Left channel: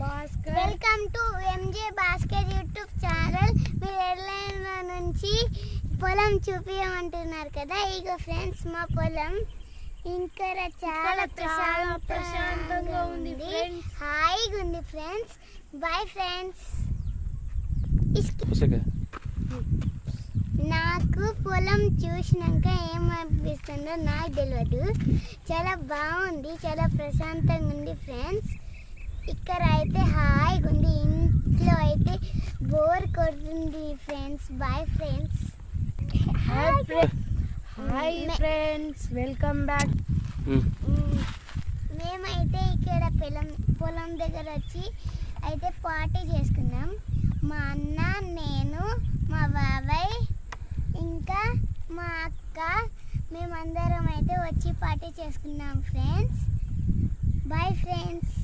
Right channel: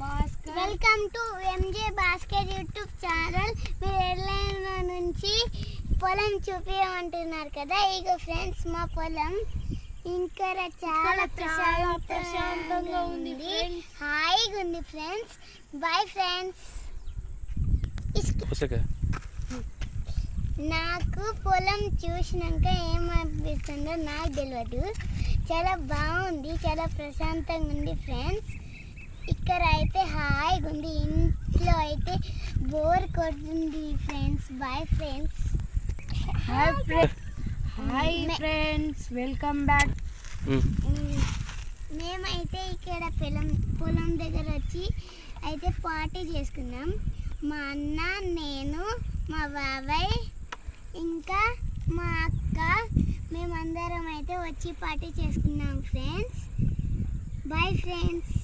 Welcome to M J Bhaskar YouTube channel. మీరు ఎర్లైన్ నుంచి పొలం చూపించమంటున్నారు కదా. ఇగో ఫ్రెండ్స్, మా పొలం ఇంకా చాలా ప్రశాంతంగా ఉంది, హాయిగా ఉంది ఫ్రెండ్స్. Bye friends. నాకు పొలం చూసినాక ఏమనిపిస్తుందో నాకు తెలియదు. చాలా బాగుంది, చాలా ప్రశాంతంగా ఉంది ఫ్రెండ్స్. ఇక్కడ అయితే హాయిగా ఉంది, ఇంట్లో అయితే బోర్ కొడుతుంది friends. Bye friends. Hi friends, welcome back. మేమైతే ఇక్కడ పొలం దగ్గర వచ్చి అయితే పార్టీ చేసుకున్నాం. మా అన్న, నేను, మా బాబాయ్, ఇంకా మా అక్క, మేమందరం అయితే వచ్చి పార్టీ చేసుకున్నాం ఫ్రెండ్స్. Bye friends.